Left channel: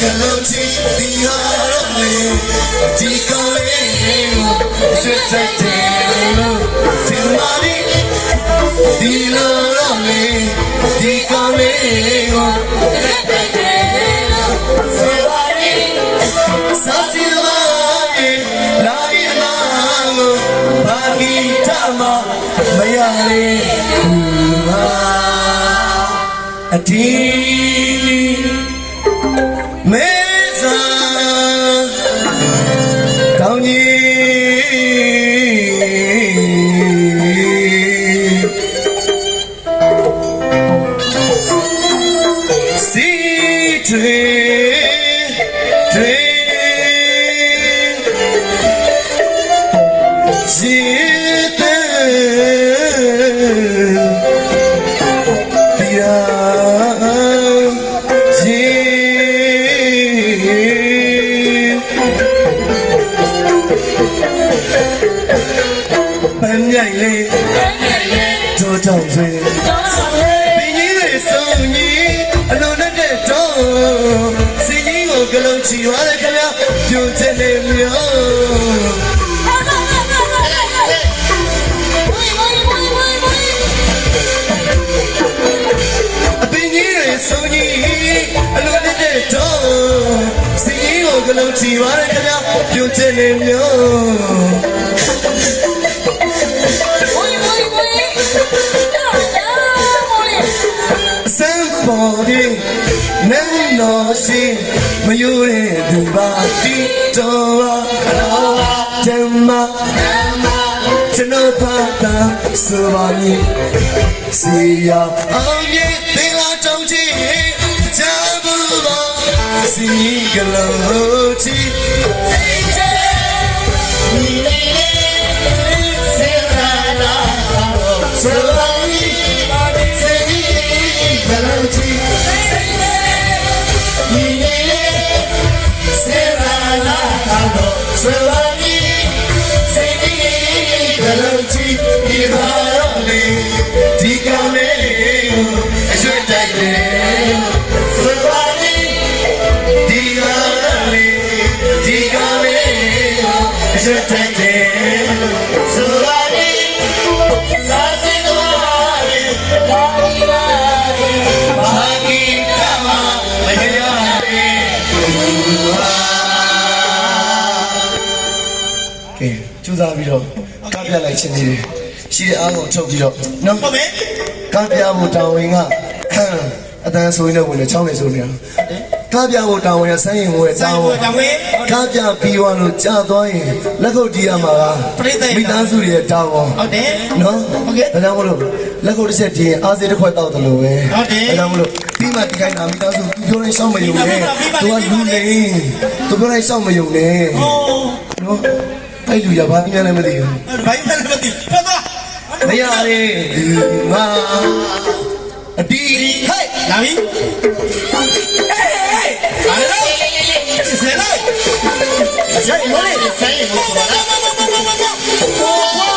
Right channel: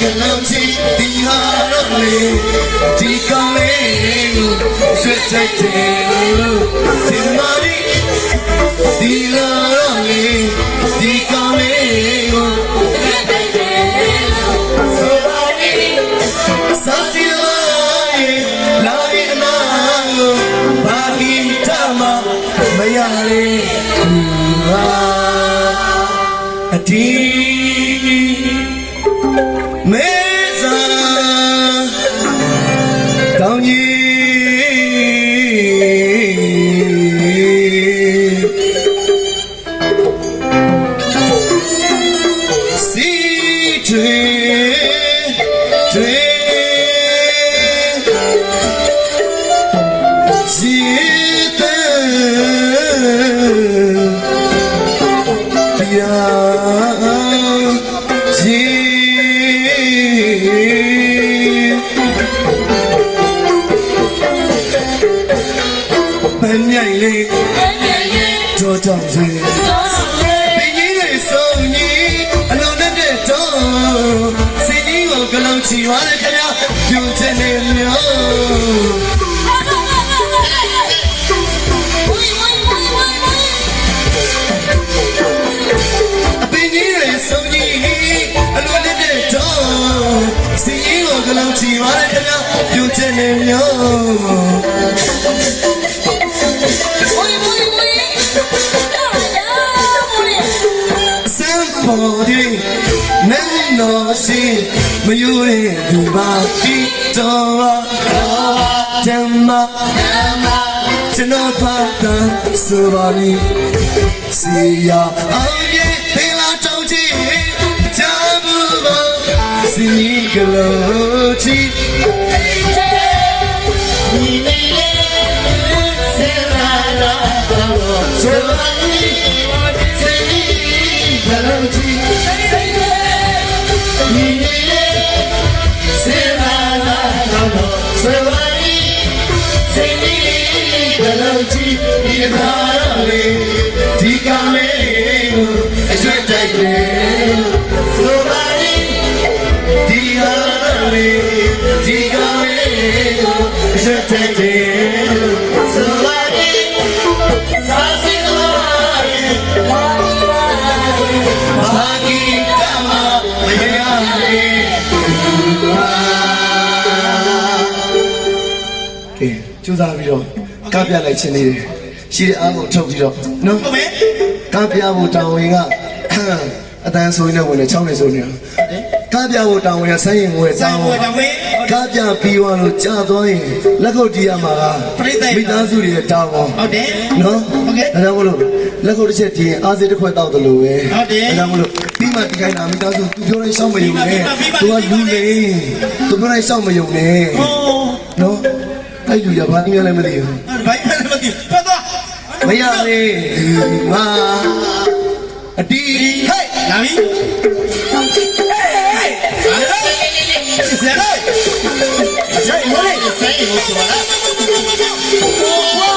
galonchi dihare di kale swetate simari dilare di kale sasilai lavina bagi tama mayare adi meza daunyi si tre jite dia Banyale, Jotanze. Bini songi, alone de do. Singing o galonchi wale kaya, jotene myo. Bini songi, alone de do. Singing o galonchi wale kaya, jotene myo. Body, no she, mayure dubati, toa, tema, chenopata, suvani, siya, aye, tela tonji, jabuga, sinigalochi, suvani. Galonchi, Serana, Serani, Seni, Galonchi, Irale, Ticale, Ajotale, Serani, Ticale, Ticale, Ajotale, Serani, Okay, ကျူးစားပြီးတော့ကပြလိုက်ခြင်းလေးရှိတဲ့အားလုံးထုတ်ပြီးတော့နော်ဟုတ်မယ်ကပြဖို့တောင်းဝင်ကအတန်းဆိုရင်လည်းဝင်လေချောင်းနေဆိုနေကပြဖို့တောင်းဝင်ကဆိုင်းရင်ဝင်တောင်းဝင်ကပြပြီးသွားလို့ကြာသွားရင်လက်ခုပ်တီးရမှာလားမိသားစုတွေတောင်းပါဟုတ်တယ်နော်ဟုတ်ကဲ့ဒါကြောင့်မလို့လက်ခုပ်တစ်ချက်တီးရင်အားစေးတစ်ခွက်တောက်တယ်လို့ပဲဟုတ်တယ်ဒါကြောင့်မလို့ပြီးမှဒီတိုင်းမှာမိသားစုသူပြောတိုင်းရှောက်မယုံနဲ့သူကလူလေသူပြောတိုင်းရှောက်မယုံနဲ့နော်အဲ့လူရဘာပြလဲမသိဘူးဘာပြလဲမသိဘူးဖတ်သွားမရလေဒီမှာအတီးဟဲ့လာပြီဟေးလာလေဆယ်လေဆယ်ရိုးလေဆယ်ရိုးဆိုတာဝါ